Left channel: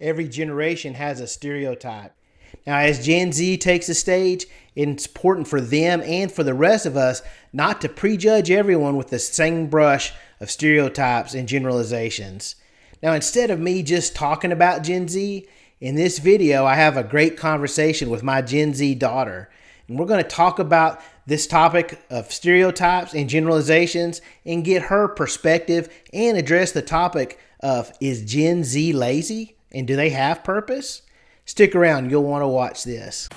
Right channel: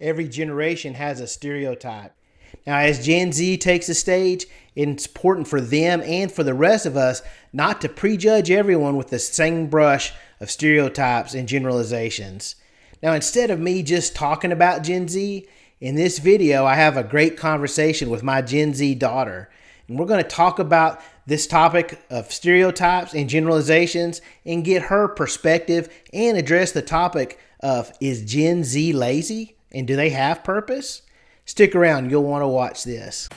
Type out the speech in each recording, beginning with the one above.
Every generation has a stereotype. Now, as Gen Z takes the stage, it's important for them and for the rest of us not to prejudge everyone with the same brush of stereotypes and generalizations. Now, instead of me just talking about Gen Z, in this video, I have a great conversation with my Gen Z daughter. And we're going to talk about this topic of stereotypes and generalizations and get her perspective and address the topic of, is Gen Z lazy and do they have purpose? Stick around, you'll want to watch this.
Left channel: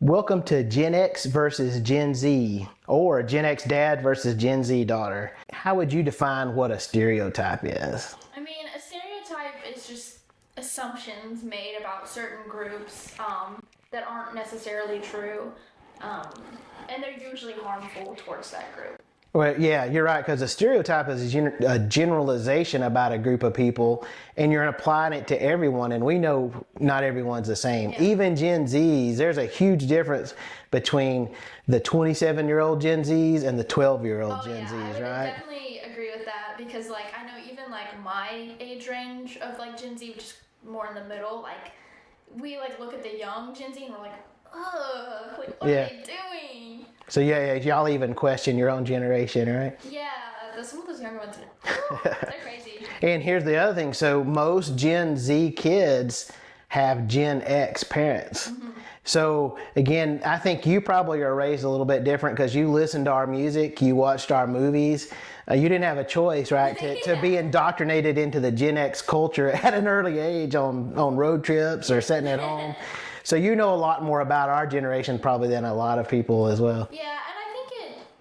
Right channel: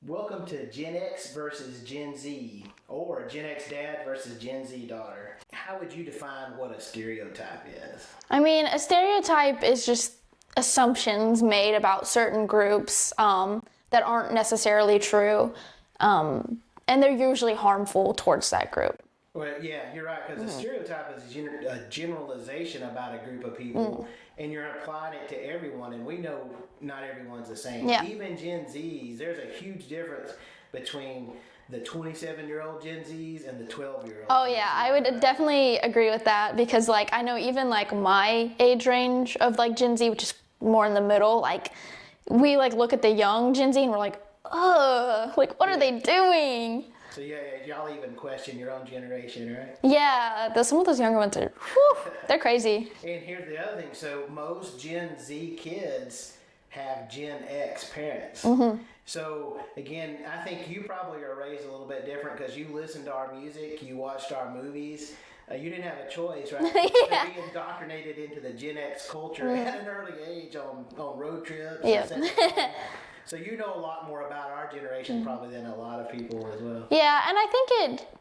Welcome to Gen X versus Gen Z, or Gen X dad versus Gen Z daughter. How would you define what a stereotype is? I mean, a stereotype is just assumptions made about certain groups that aren't necessarily true, and they're usually harmful towards that group. Well, yeah, you're right, because a stereotype is a generalization about a group of people, and you're applying it to everyone, and we know not everyone's the same. Yeah. Even Gen Zs, there's a huge difference between the 27-year-old Gen Zs and the 12-year-old Gen Zs. Oh yeah, I would right? definitely agree with that, because like I know even like my age range of like Gen Z, which is more in the middle, like we like look at the young Gen Z and we're like, ugh, like what are they doing? So yeah, y'all even question your own generation, right? Yeah, some of those younger ones are, whew, they're crazy. And here's the other thing. So most Gen Z kids have Gen X parents. So again, I think you probably are raised a little bit different because you listened to our music, you watched our movies. You didn't have a choice, right, to be indoctrinated into the Gen X culture at an early age on road trips or sitting at home. So you know a lot more about our generation probably than a lot of people as well. Yeah, and I think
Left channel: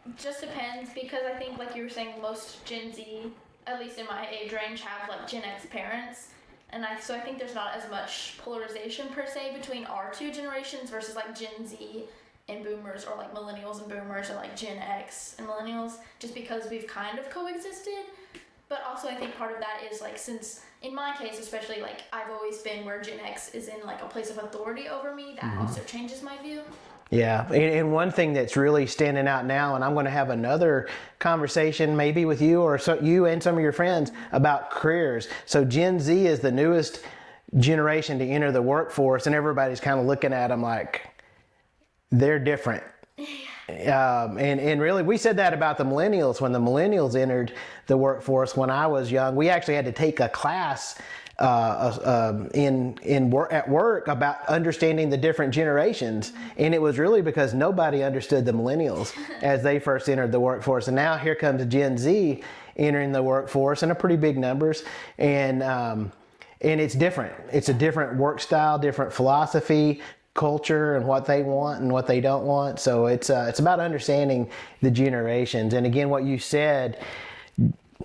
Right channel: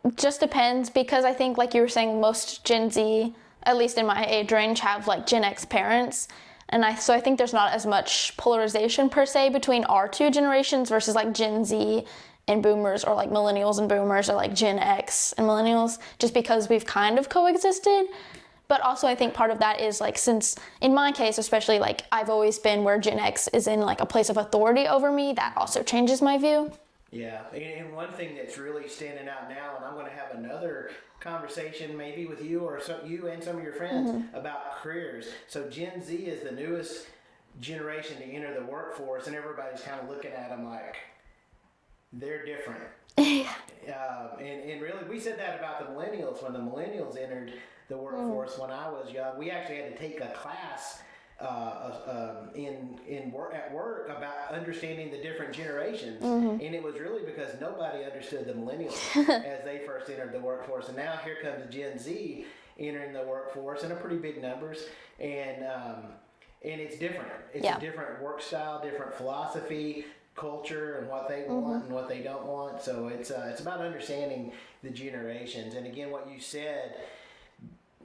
it just depends, because I think like you were saying, most Gen Z, at least in my age range, have like Gen X parents. And so I think there's not as much polarization per se between our two generations versus like Gen Z and boomers, or like millennials and boomers, or like Gen X and millennials, just because we've kind of coexisted. But also I think part of that is like, since in my case especially, like I've always been where Gen X is in like a place of authority over me, that also changes my view. Yeah, and one thing that's really standing out now, and I'm going to have another conversation maybe with you or you and some of your friends about careers. So Gen Z is the newest generation to enter the workforce, and everybody's kind of looking at them like they're different. And really, we said that about the millennials. When the millennials entered the workforce when I was young, we actually had to take a class at work about understanding the different generations. And it was really because nobody understood the millennials as they first entered the workforce. And now here comes Gen Z entering the workforce in a pretty big numbers. And it's different. It's a different work style, different philosophy, culture, and what they want and what they don't want. So it's about understanding the generations. And again, what you said,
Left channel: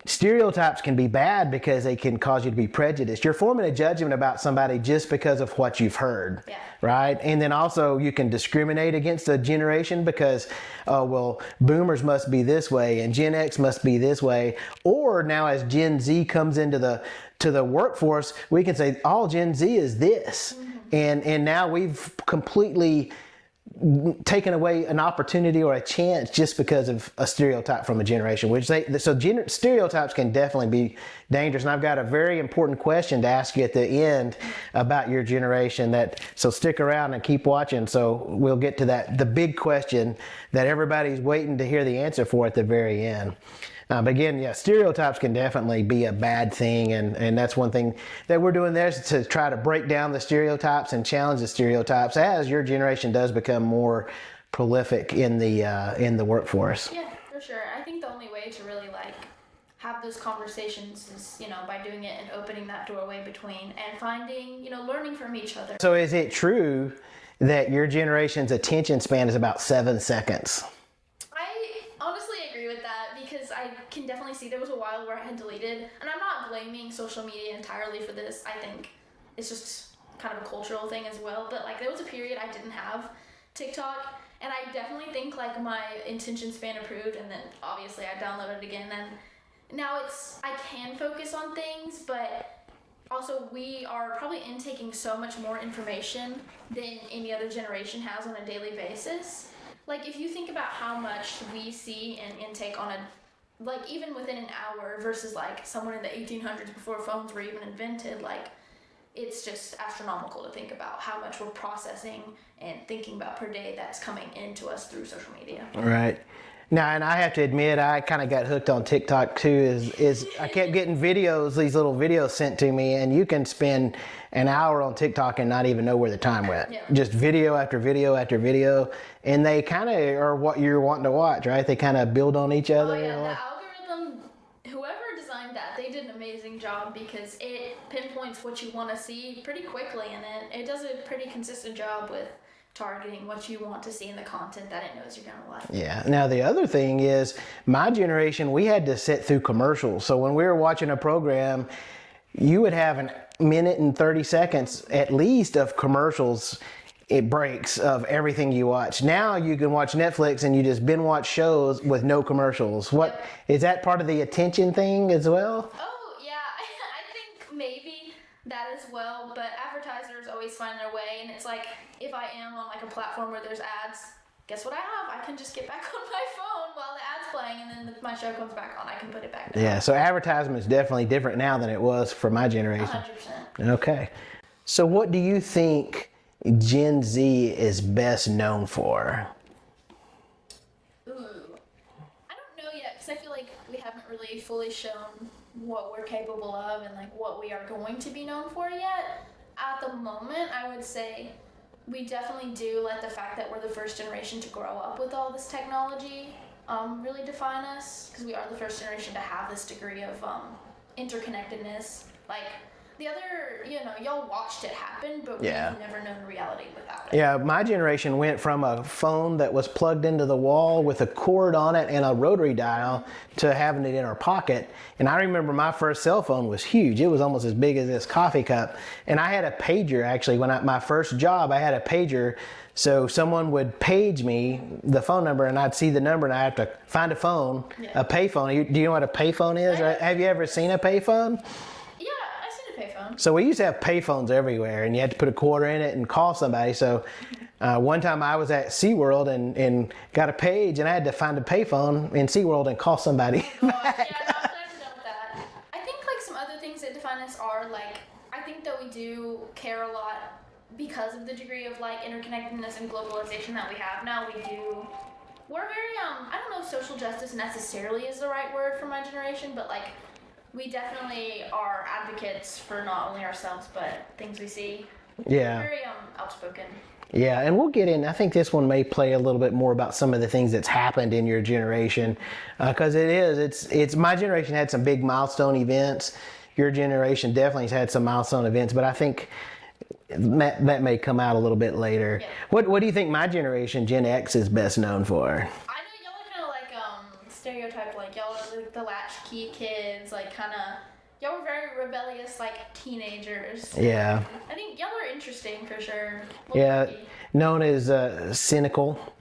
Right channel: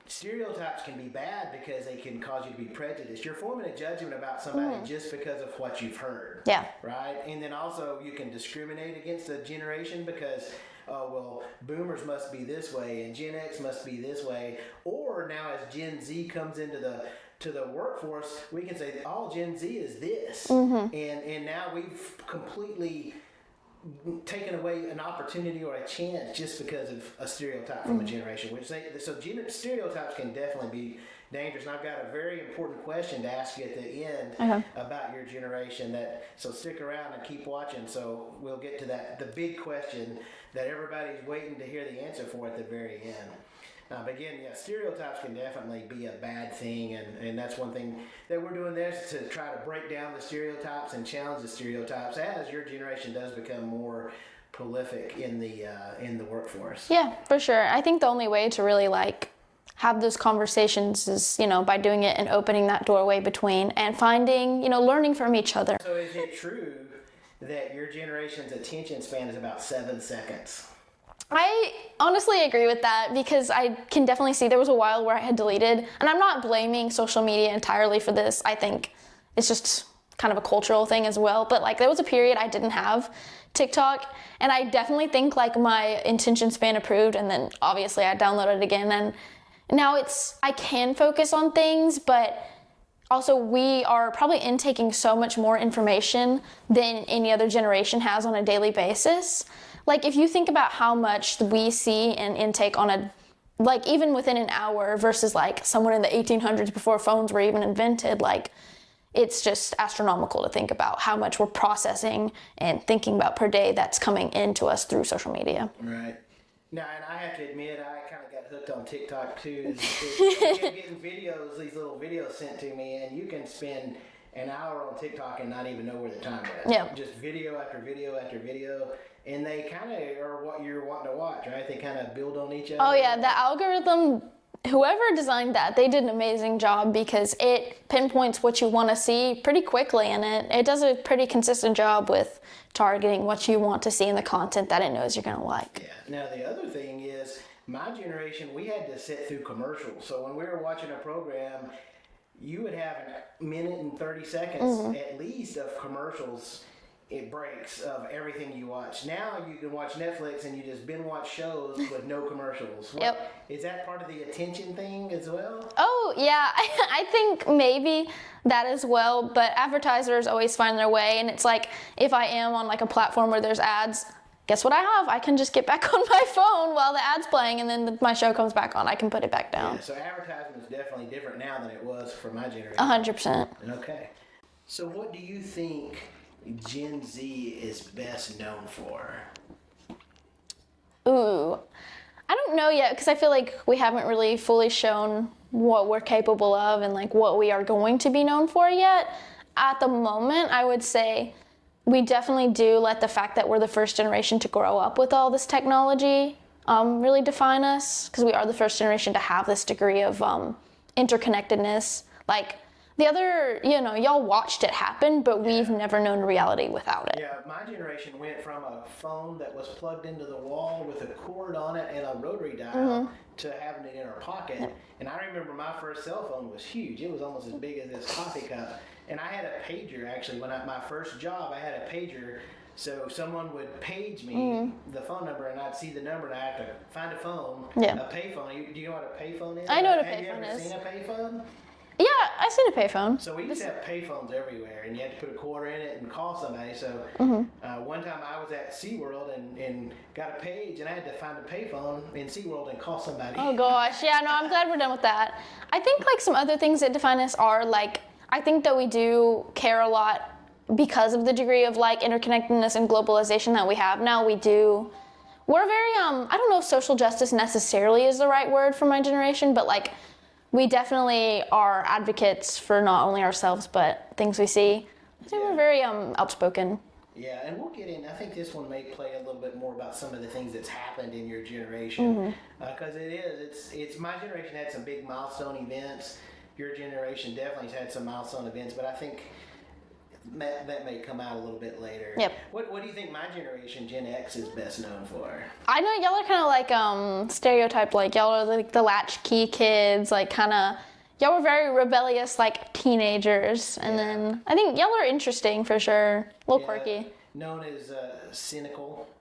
stereotypes can be bad because they can cause you to be prejudiced. You're forming a judgment about somebody just because of what you've heard. Yeah. Right? And then also you can discriminate against a generation because, oh, well, boomers must be this way and Gen X must be this way. Or now as Gen Z comes into the workforce, we can say all Gen Z is this. And now we've completely taken away an opportunity or a chance just because of a stereotype from a generation. Stereotypes can definitely be dangerous. And I've got a very important question to ask you at the end about your generation. So stick around and keep watching. So we'll get to the big question that everybody's waiting to hear the answer for at the very end. But again, stereotypes can definitely be a bad thing, and that's one thing that we're doing there, is to try to break down the stereotypes and challenge the stereotypes as your generation does become more prolific in the workforce. Yeah, for sure. I think the only way to really like have those conversations is, by doing it and opening that doorway between and finding, learning from each other. So is it true that your generation's attention span is about 7 seconds? I honestly agree with that, because I can definitely see there was a while where I had deleted, and I'm not blaming social media entirely for this. I think it's just kind of a cultural thing as well. But like there was a period I didn't have TikTok, and I definitely think like my attention span improved, and then obviously I downloaded it again, and now I can focus on things, but also we are probably intaking so much more information than any other generation has on a daily basis. Like if you think about how much we see and intake on a like even within an hour versus like someone in the 1800s before phones were even invented, like it's just astronomical to think about how much we're processing and thinking about per day that's coming into us through social media. Right. Now, and I have to admit, I kind of got hooked on TikTok too. Is I kept getting videos, these little videos sent to me, and you can spend an hour on TikTok and not even know where the time went. Yeah. Just video after video after video, and they kind of are what you're wanting to watch, right? They kind of build on each other. Oh yeah, the algorithm, whoever designed that, they did an amazing job because it pinpoints what you want to see pretty quickly, and it does a pretty consistent job with targeting what you want to see in the content that it knows you're going to like. Yeah. Now, the other thing is, my generation, we had to sit through commercials. So when we were watching a program, you would have a minute and 30 seconds at least of commercials. It breaks of everything you watch. Now you can watch Netflix and you just binge watch shows with no commercials. What is that part of the attention thing as well? Oh yeah, I think maybe that as well, but advertisers always find their way, and it's like if I am on like a platform where there's ads, guess what I have? I can just get back on my phone while the ad's playing, and then my show comes back on. I can put it back down. Yeah, so advertisement is definitely different now than it was for my generation. 100%. Okay. So what do you think Gen Z is best known for? Ooh, I don't know yet, because I feel like we haven't really fully shown what we're capable of and like what we are going to be known for yet. At the moment, I would say we definitely do let the fact that we're the first generation to grow up with all this technology really define us, because we are the first generation to have this degree of interconnectedness. Like the other, y'all watched it happen, but we've never known reality without it. Yeah, my generation went from a phone that was plugged into the wall with a cord on it and a rotary dial to having it in our pocket. And I remember my first cell phone was huge. It was almost as big as this coffee cup. And I had a pager, actually. My first job, I had a pager. So someone would page me the phone number, and I'd see the number, and I have to find a phone, a payphone. Do you know what a payphone is? I know what a Have you ever payphone is. seen a payphone? Yeah, I've seen a payphone. So we used to have payphones everywhere, and you had to put a quarter in it and call somebody. So one time I was at SeaWorld and got a page, and I had to find a payphone in SeaWorld and call somebody. Oh gosh, yeah, no, I'm glad we're done with that. I think like some other things that define us are like, I think that we do care a lot because of the degree of like interconnectedness and globalization that we have now. We're very, I don't know if social justice necessarily is the right word for my generation, but like, we definitely are advocates for not only ourselves, but things we see. We're very outspoken. Yeah, and we'll get in. I think this one may play a little bit more about some of the things that's happened in your generation, because it's my generation had some big milestone events. Your generation definitely has had some milestone events, but I think that may come out a little bit later. Yep. What do you think my generation, Gen X, is best known for? I know y'all are kind of like stereotype, like y'all are like the latchkey kids, like kind of, y'all were very rebellious like teenagers. And then I think y'all are interesting for sure. A little quirky. Known as cynical,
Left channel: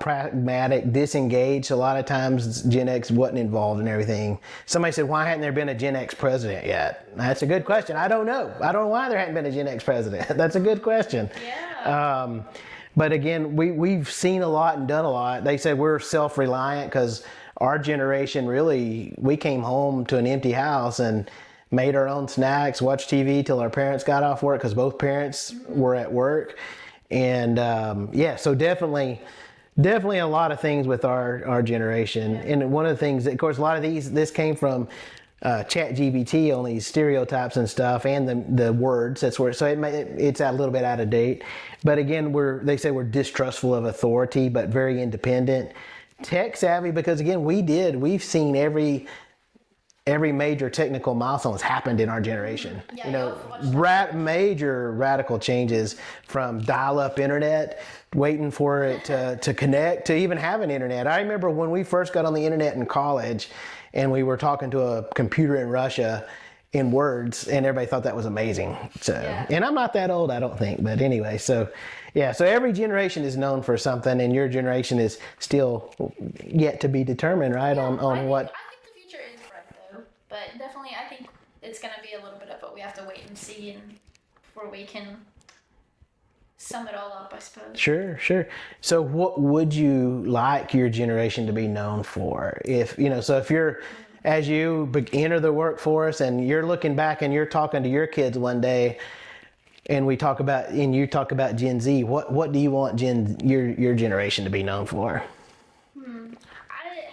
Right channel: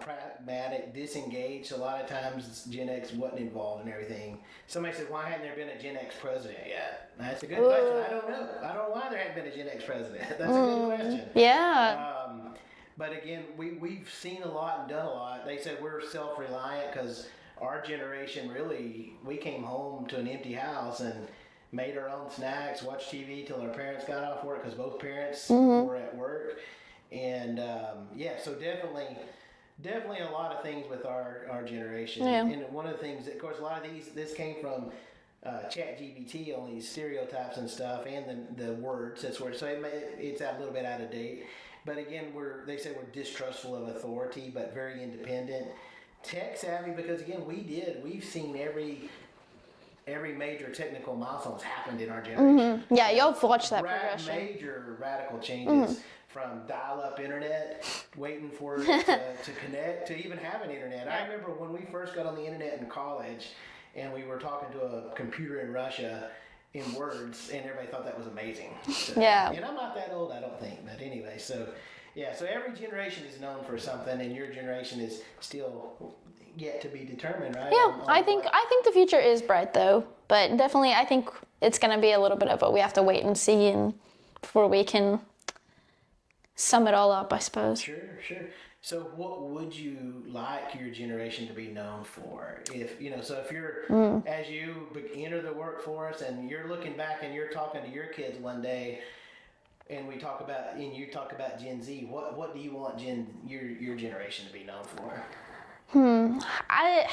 pragmatic, disengaged. A lot of times Gen X wasn't involved in everything. Somebody said, why hadn't there been a Gen X president yet? That's a good question. I don't know. I don't know why there hadn't been a Gen X president. That's a good question. Yeah. But again, we've seen a lot and done a lot. They said we're self-reliant because our generation really, we came home to an empty house and made our own snacks, watched TV till our parents got off work, because both parents were at work. And so definitely a lot of things with our generation. And one of the things, of course, a lot of this came from ChatGPT on these stereotypes and stuff, and the words. That's where it's a little bit out of date. But again, they say we're distrustful of authority, but very independent, tech savvy. Because again, we've seen every major technical milestone has happened in our generation. Yeah, you've watched that. Major radical changes from dial-up internet, waiting for it to connect, to even have an internet. I remember when we first got on the internet in college, and we were talking to a computer in Russia in words, and everybody thought that was amazing. So, and I'm not that old, I don't think, but anyway, so every generation is known for something, and your generation is still yet to be determined, right? Yeah, I think the future is bright though, but definitely I think it's going to be a little bit of what we have to wait and see, and before we can sum it all up, I suppose. Sure, sure. So what would you like your generation to be known for? If, so if you're, as you enter the workforce and you're looking back and you're talking to your kids one day and you talk about Gen Z, what do you want your generation to be known for? I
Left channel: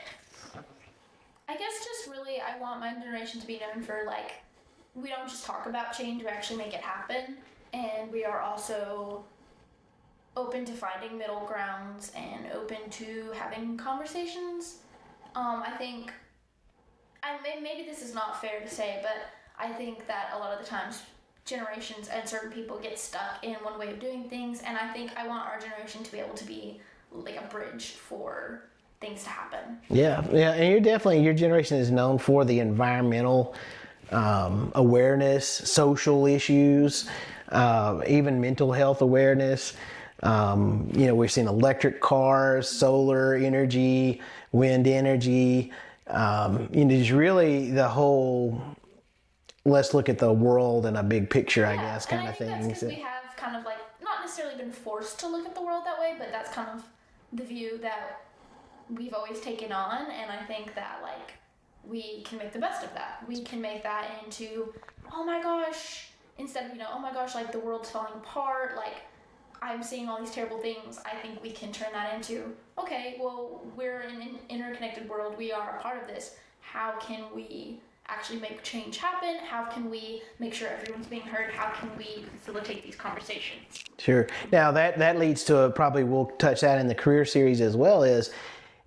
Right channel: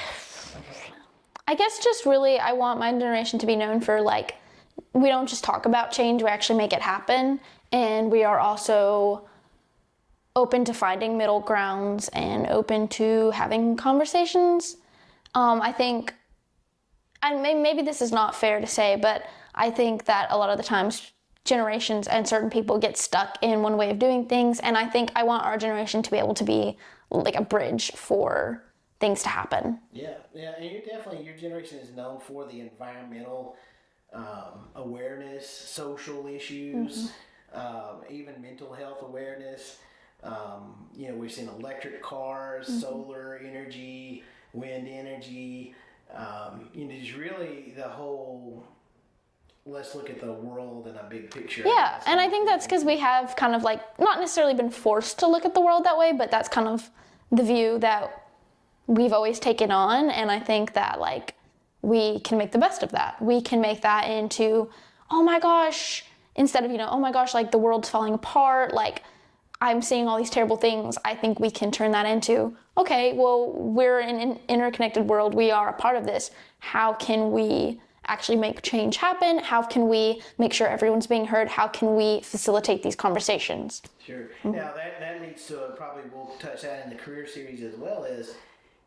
guess just really, I want my generation to be known for, like, we don't just talk about change, we actually make it happen. And we are also open to finding middle grounds and open to having conversations. I think, and maybe this is not fair to say, but I think that a lot of the times generations and certain people get stuck in one way of doing things. And I think I want our generation to be able to be like a bridge for things to happen. Yeah. And your generation is known for the environmental awareness, social issues, even mental health awareness. We've seen electric cars, solar energy, wind energy. It's really the whole, let's look at the world in a big picture. Yeah, and I think that's because we have kind of like, not necessarily been forced to look at the world that way, but that's kind of the view that we've always taken on. And I think that, like, we can make the best of that. We can make that into, oh my gosh, instead of, oh my gosh, like the world's falling apart, like I'm seeing all these terrible things. I think we can turn that into, okay, well, we're in an interconnected world. We are a part of this. How can we actually make change happen? How can we make sure everyone's being heard? How can we facilitate these conversations? Sure. Now that leads to probably we'll touch that in the career series as well, is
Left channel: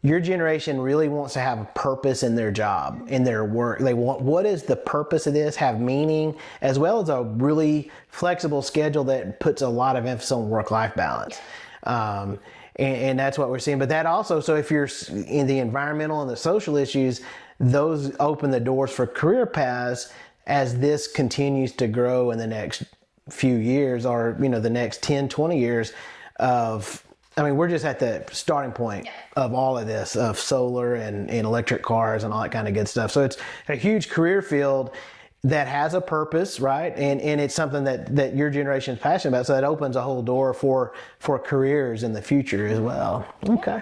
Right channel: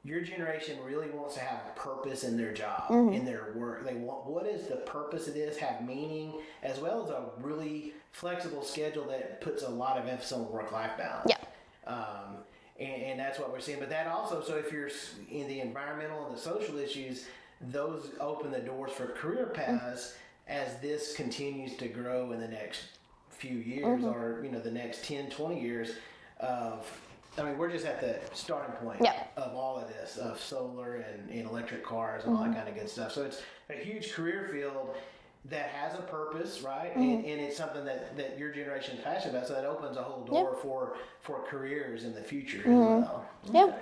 your generation really wants to have a purpose in their job, in their work. They want, what is the purpose of this, have meaning, as well as a really flexible schedule that puts a lot of emphasis on work-life balance. Yeah. And that's what we're seeing. But that also, so if you're in the environmental and the social issues, those open the doors for career paths as this continues to grow in the next few years or, the next 10, 20 years we're just at the starting point of all of this, of solar and electric cars and all that kind of good stuff. So it's a huge career field that has a purpose, right? And it's something that your generation is passionate about. So that opens a whole door for careers in the future as well. Okay.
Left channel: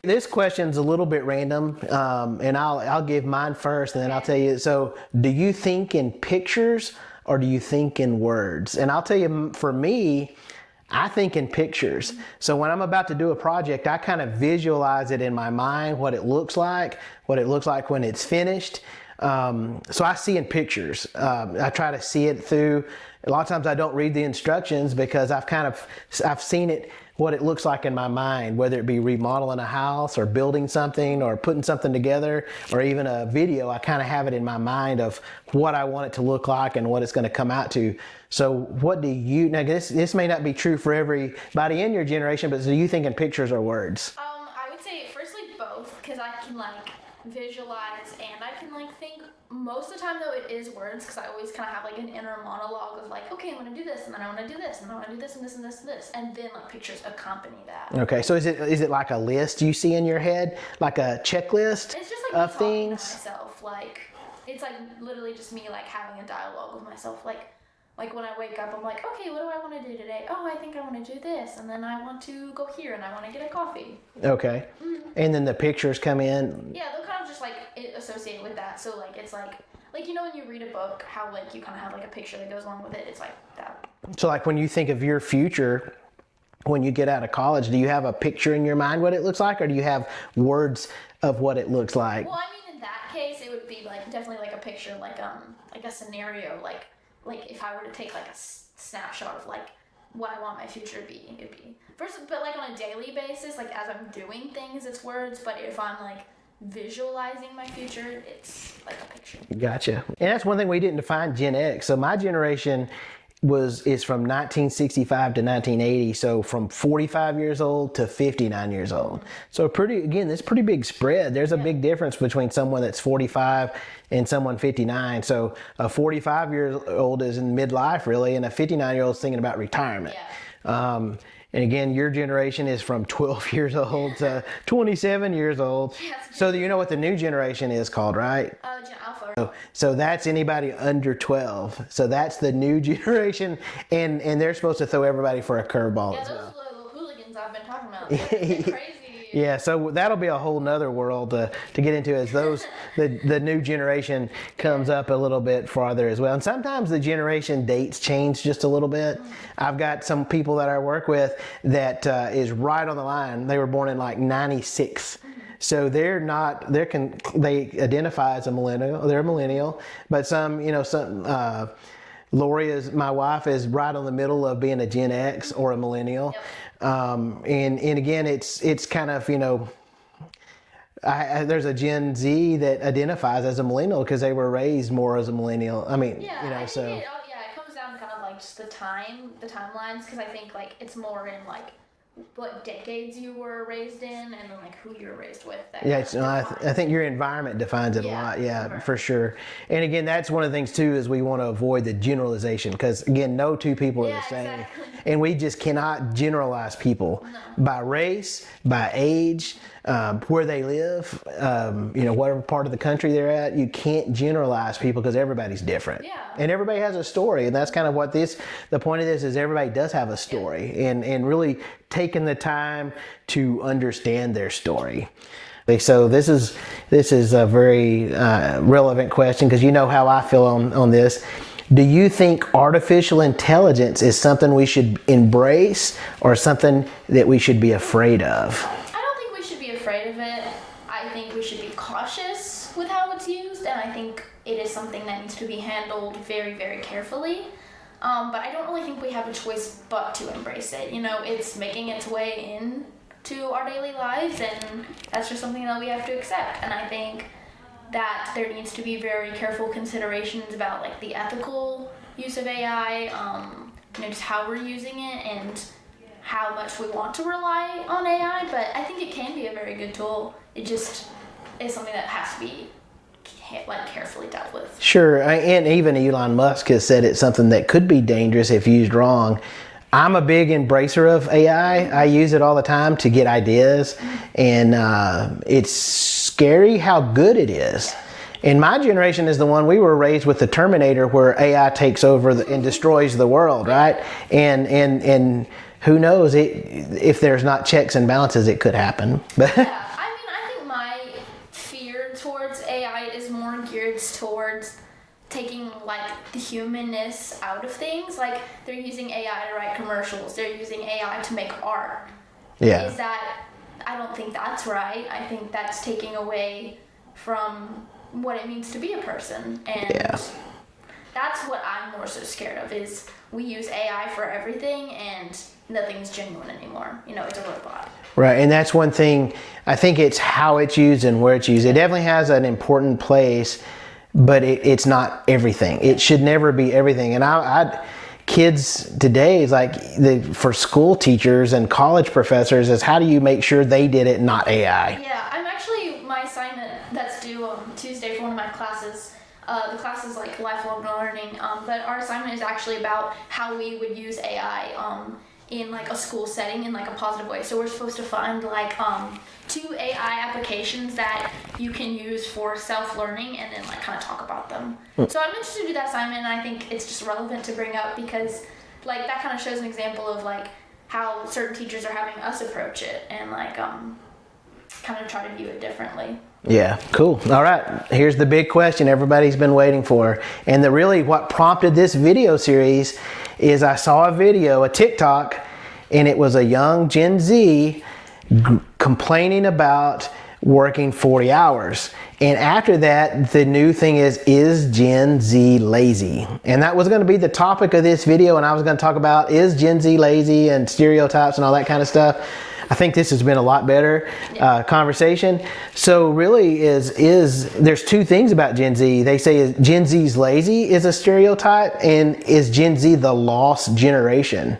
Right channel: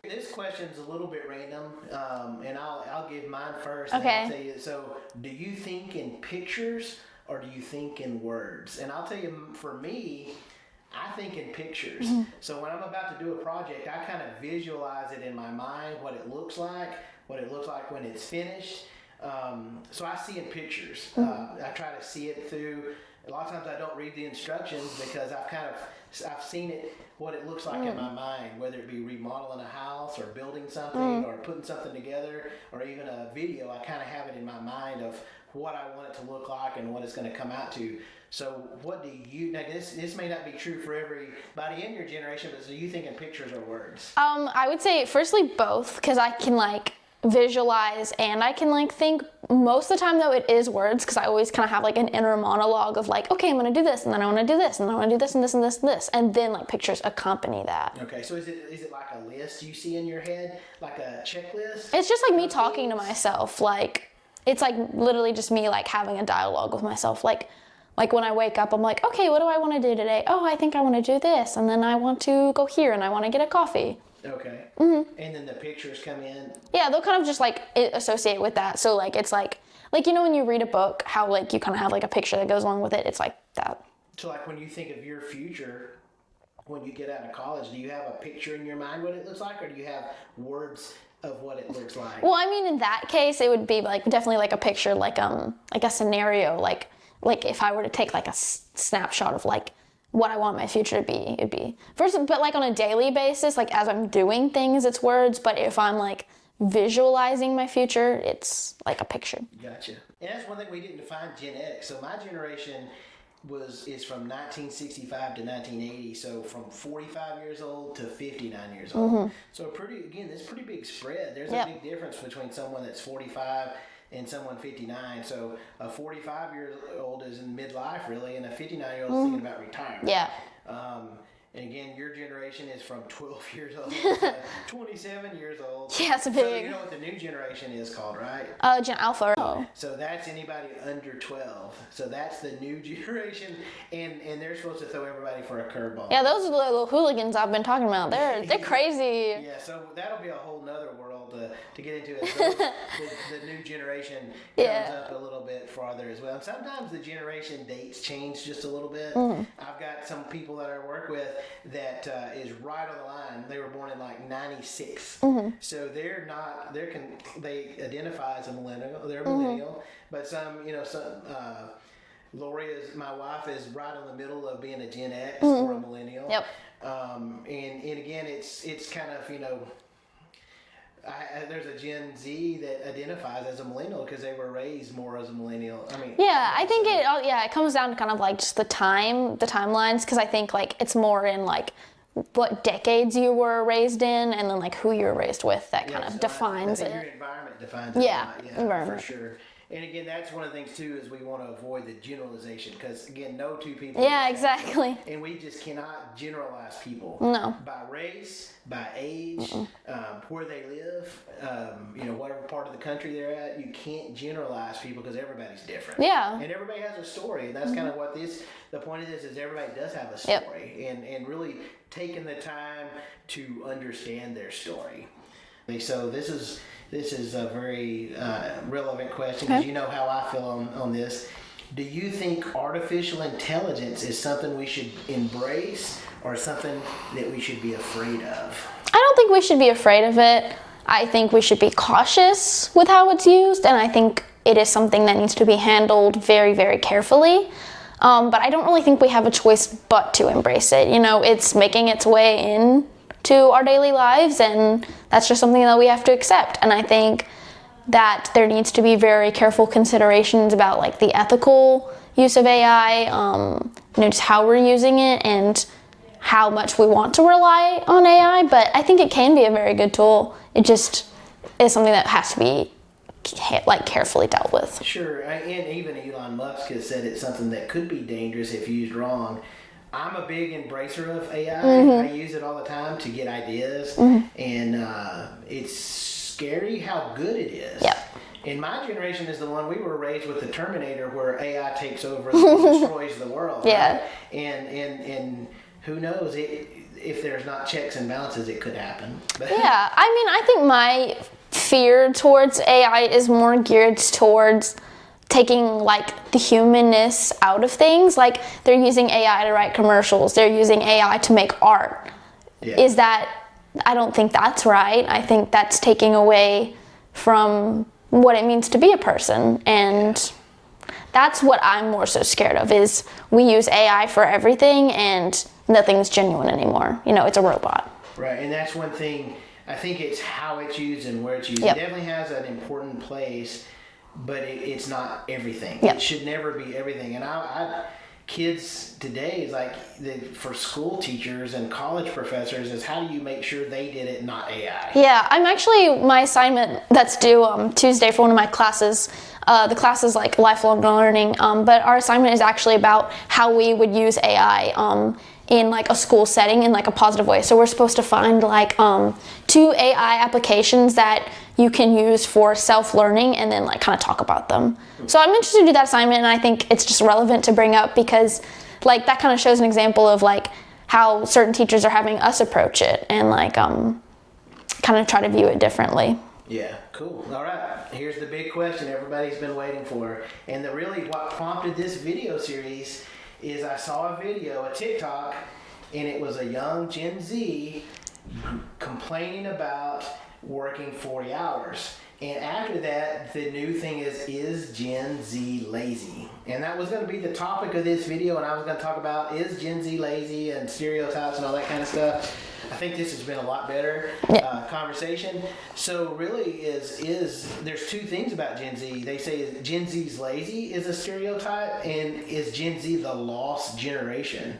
This question's a little bit random, and I'll give mine first, and then I'll tell you. So, do you think in pictures or do you think in words? And I'll tell you, for me, I think in pictures. So when I'm about to do a project, I kind of visualize it in my mind, what it looks like when it's finished. So I see in pictures. I try to see it through. A lot of times I don't read the instructions because I've seen it, what it looks like in my mind, whether it be remodeling a house or building something or putting something together or even a video. I kind of have it in my mind of what I want it to look like and what it's going to come out to. So what do you, now this may not be true for everybody in your generation, but do you think in pictures or words? I would say firstly both, because I can like visualize and I can like think. Most of the time though it is words, because I always kind of have like an inner monologue of like, okay, I'm going to do this and then I want to do this and then I want to do this and this and this and this, and then like pictures accompany that. Okay, so is it like a list you see in your head, like a checklist? It's just like me talking to myself. Like it's like literally just me like having a dialogue with myself. Like when I wake up, I'm like, okay, what do I want to do today? Oh, I think I want to do this. And then I want to go here and I want to get a coffee. Okay. And then the pictures come in. Yeah, they'll kind of just like associate with that. So like, it's like when you read a book, how like you kind of have like a picture that goes along with it. It's like that. So like when you think of your future, when you get out of college, do you have a picture in your mind what it looks like, or do you have words of what it looks like? Well, I mean, in that case, it would be like definitely like a picture, like a scenario, like if I were to take like a snapshot of like what I want my future to be, it'd be first, but like on a daily basis, like as I'm doing things, it's words. But if I'm like visualizing my future, it's like a picture. Gotcha. And that's one thing we didn't define Gen X. So my generation is from 1965 to 1980. So from 45 years old to 59 years old. So this pretty big spread. There's a big difference between someone that's 45 and someone 59. So a 45-year-old is in midlife really, and a 59-year-old is thinking about retirement. Yeah. And again, your generation is from 12 years old to 27 years old. Yeah, it's so big. you know what the new generation is called, right? Gen Alpha. So that's anybody under 12. So that's the new generation, and they're supposed to throw everybody for a curveball. Yeah, those are the little hooligans I've been talking about. They're crazy. Yeah, so that'll be a whole nother world to get into as those the new generation comes up a little bit farther as well. And sometimes the generation dates change just a little bit. I've got some people that I work with that is right on the line. They were born in like 96. So they're not, they identify as a millennial. They're a millennial, but some, Lori my wife is right on the middle of being a Gen X or a millennial. Yep. And again, it's kind of, there's a Gen Z that identifies as a millennial because they were raised more as a millennial. I mean, I think it comes down to kind of like just the timelines, because I think like it's more in like what decades you were raised in, and then like who you were raised with that kind of defines. I think your environment defines it a lot. Yeah, for sure. And again, that's one of the things too, is we want to avoid the generalization, because again, no two people are the same. Exactly. And we just cannot generalize people by race, by age, where they live, whatever part of the country they're at. You can't generalize people because everybody's different. Yeah. And everybody has a story, and that's kind of what the point of this is. Everybody does have a story, and really taking the time to understand their story. So this is a very relevant question, because you know how I feel on this. Do you think artificial intelligence is something we should embrace, or something that we should be afraid of? I don't think we should be afraid of it. I think we should be cautious with how it's used, and I think it is something that needs to be handled very, very carefully. But I don't really think we have a choice but to embrace it. It's making its way into our daily lives, and that's just something that we have to accept. And I think that there needs to be very careful considerations about like the ethical use of AI, just how we're using it and how much we want to rely on AI. But I think it can be a very good tool. It just is something that has to be carefully dealt with. Sure, and even Elon Musk has said it's something that could be dangerous if used wrong. I'm a big embracer of AI. I use it all the time to get ideas, and it's scary how good it is. Yep. And my generation is the one, we were raised with the Terminator, where AI takes over and destroys the world, right? And who knows, if there's not checks and balances, it could happen. I think my fear towards AI is more geared towards taking like the humanness out of things. Like they're using AI to write commercials, they're using AI to make art. I don't think that's right. I think that's taking away from what it means to be a person, and that's what I'm more so scared of, is we use AI for everything and nothing's genuine anymore. It's a robot. Right, and that's one thing. I think it's how it's used and where it's used. It definitely has an important place, but it's not everything. It should never be everything. And kids today is like, for school teachers and college professors, is how do you make sure they did it, not AI? Yeah, my assignment that's due Tuesday for one of my classes. The class is like lifelong learning, but our assignment is actually about how we would use AI in like a school setting in like a positive way. So we're supposed to find like 2 AI applications that you can use for self-learning, and then like kind of talk about them. So I'm interested to do that assignment, and I think it's just relevant to bring up, because like that kind of shows an example of like how certain teachers are having us approach it, and like kind of try to view it differently. Yeah, cool. All right, here's the big question everybody's been waiting for. And what prompted this video series is I saw a TikTok, and it was a young Gen Z complaining about working 40 hours. And after that, the new thing is Gen Z lazy? And that was going to be the topic of this video, and I was going to talk about, is Gen Z lazy, and stereotypes and all that kind of stuff. I think this has been a lot better conversation. So really there's 2 things about Gen Z. They say Gen Z's lazy is a stereotype, and is Gen Z the lost generation?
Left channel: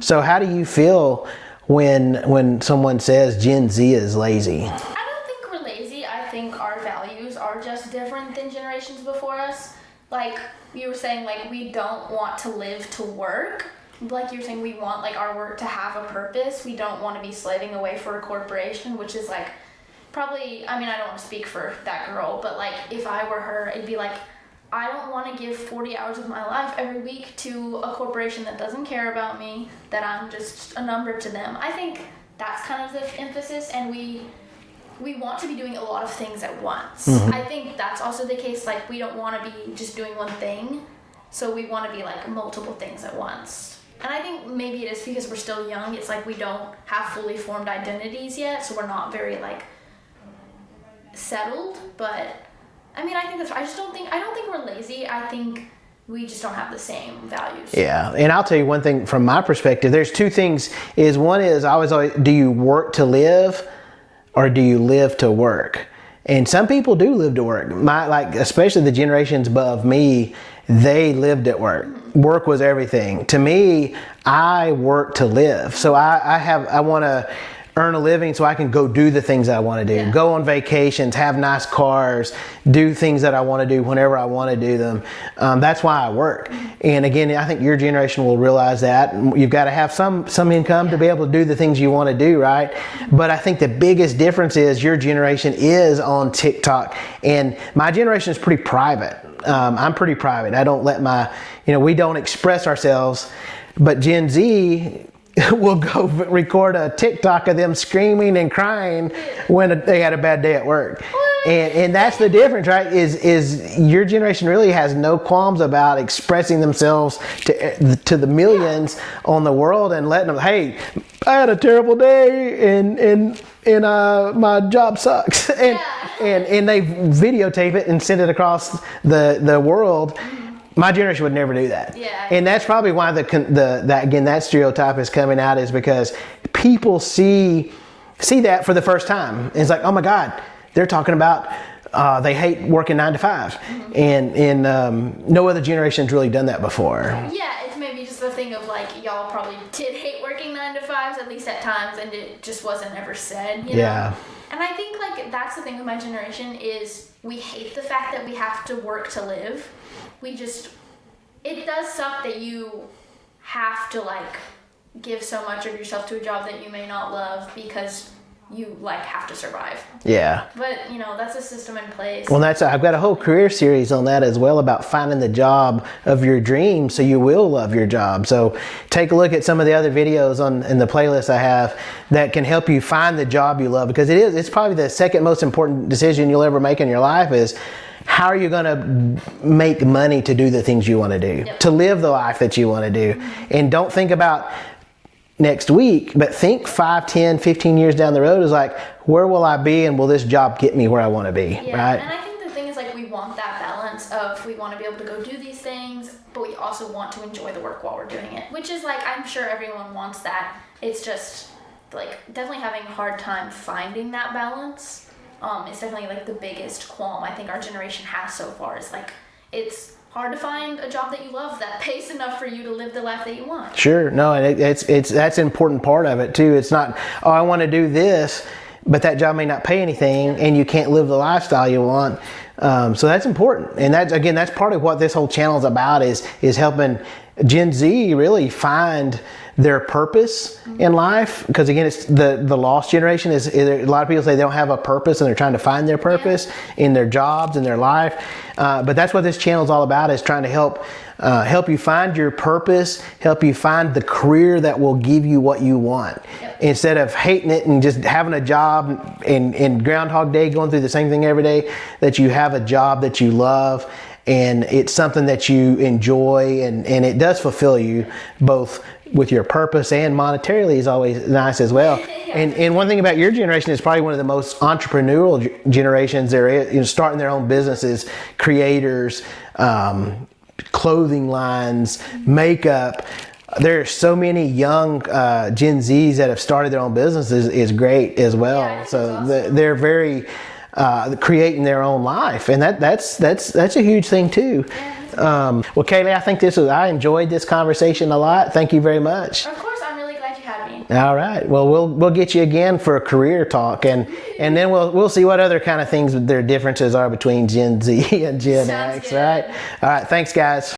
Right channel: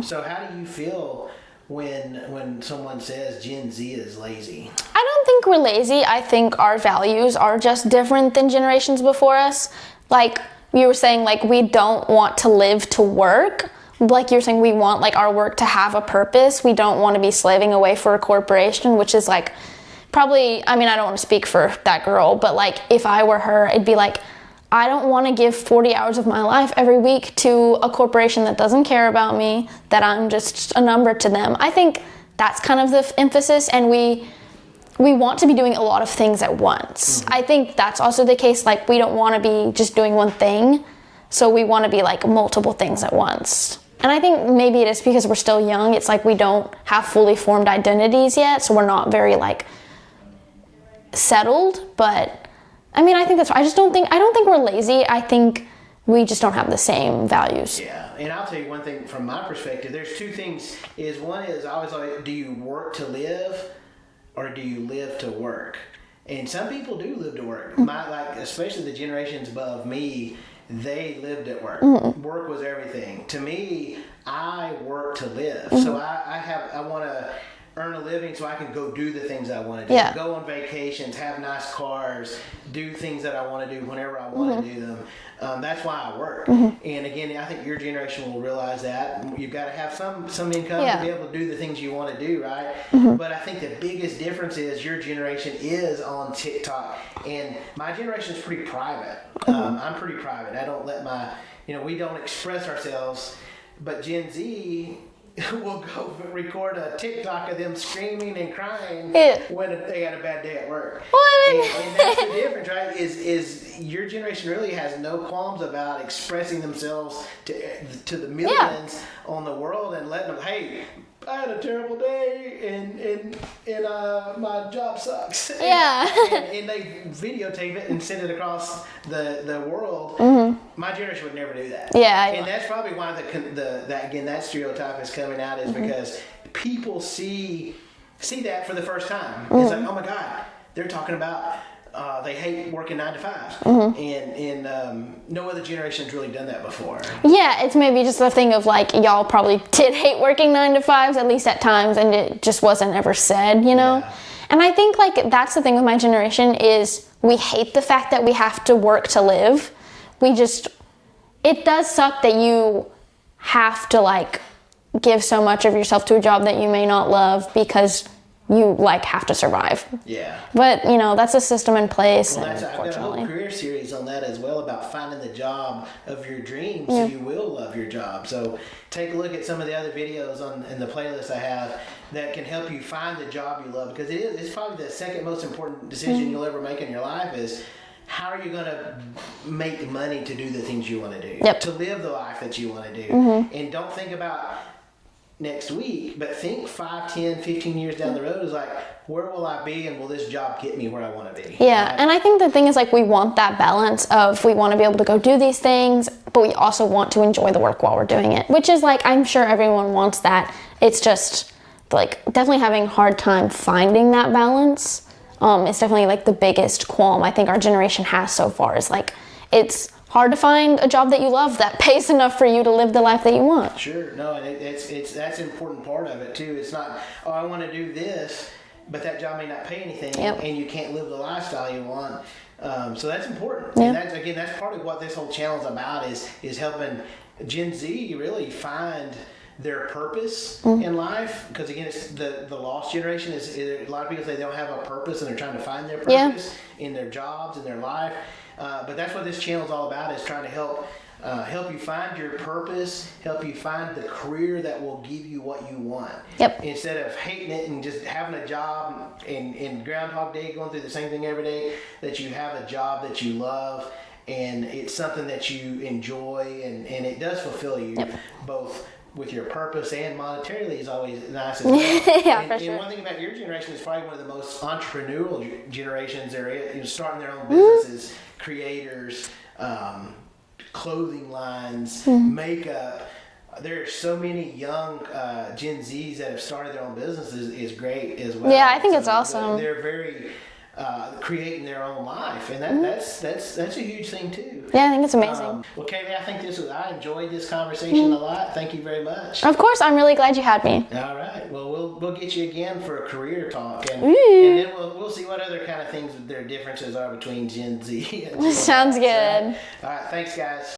So how do you feel when someone says Gen Z is lazy? I don't think we're lazy. I think our values are just different than generations before us. Like you were saying, like we don't want to live to work. like you're saying, we want like our work to have a purpose. We don't want to be slaving away for a corporation, which is like probably, I mean, I don't want to speak for that girl, but like if I were her, it'd be like, I don't want to give 40 hours of my life every week to a corporation that doesn't care about me, that I'm just a number to them. I think that's kind of the emphasis, and we want to be doing a lot of things at once. I think that's also the case, like we don't want to be just doing one thing, so we want to be like multiple things at once. And I think maybe it is because we're still young, it's like we don't have fully formed identities yet, so we're not very like settled, but I mean, I think that's, I don't think we're lazy. I think we just don't have the same values. Yeah, and I'll tell you one thing from my perspective. There's two things. One is I always, do you work to live, or do you live to work? And some people do live to work. Especially the generations above me, they lived at work. Work was everything. To me, I work to live. So I want to earn a living so I can go do the things I want to do. Go on vacations, have nice cars, do things that I want to do whenever I want to do them. That's why I work. And again, I think your generation will realize that. You've got to have some income to be able to do the things you want to do, right? But I think the biggest difference is your generation is on TikTok, and my generation is pretty private. I'm pretty private. I don't let we don't express ourselves, but Gen Z will go record a TikTok of them screaming and crying when they had a bad day at work. And that's the difference, right? Is your generation really has no qualms about expressing themselves to the millions on the world and letting them, hey, I had a terrible day and my job sucks. And they videotape it and send it across the world. My generation would never do that. And that's probably why that stereotype is coming out, is because people see that for the first time. It's like, oh my God, they're talking about they hate working 9 to 5, and no other generation's really done that before. Yeah, it's maybe just the thing of like, y'all probably did hate working 9 to 5s, at least at times, and it just wasn't ever said, you know? Yeah. And I think like that's the thing with my generation, is we hate the fact that we have to work to live. It does suck that you have to like give so much of yourself to a job that you may not love because you like have to survive. Yeah. But that's a system in place. Well, I've got a whole career series on that as well, about finding the job of your dreams so you will love your job. So take a look at some of the other videos in the playlist I have that can help you find the job you love, because it's probably the second most important decision you'll ever make in your life, is how are you going to make money to do the things you want to do, to live the life that you want to do. And don't think about next week, but think 5, 10, 15 years down the road, is like, where will I be, and will this job get me where I want to be? Yeah, right? And I think the thing is, like, we want that balance of, we want to be able to go do these things, but we also want to enjoy the work while we're doing it, which is like, I'm sure everyone wants that. It's just like definitely having a hard time finding that balance. It's definitely like the biggest qualm I think our generation has so far, is like, it's hard to find a job that you love that pays enough for you to live the life that you want. Sure, no, it's that's an important part of it too. It's not, oh, I want to do this, but that job may not pay anything, and you can't live the lifestyle you want. So that's important, and that's part of what this whole channel is about, is helping Gen Z really find their purpose in life. Because again, it's the lost generation. Is a lot of people say they don't have a purpose, and they're trying to find their purpose in their jobs, in their life. But that's what this channel is all about, is trying to help you find your purpose, help you find the career that will give you what you want. Instead of hating it and just having a job in Groundhog Day, going through the same thing every day, that you have a job that you love, and it's something that you enjoy, and it does fulfill you both with your purpose, and monetarily is always nice as well. And one thing about your generation is probably one of the most entrepreneurial generations there is, starting their own businesses, creators, clothing lines, makeup. There are so many young Gen Zs that have started their own businesses, is great as well. Yeah, I think it's awesome. They're very creating their own life, and that's a huge thing too. Yeah, I think it's amazing. Well, Kaylee, I think I enjoyed this conversation a lot. Thank you very much. Of course, I'm really glad you had me. All right. Well, we'll get you again for a career talk, and then we'll see what other kind of things their differences are between Gen Z and Gen X. Sounds good. All right. Thanks, guys.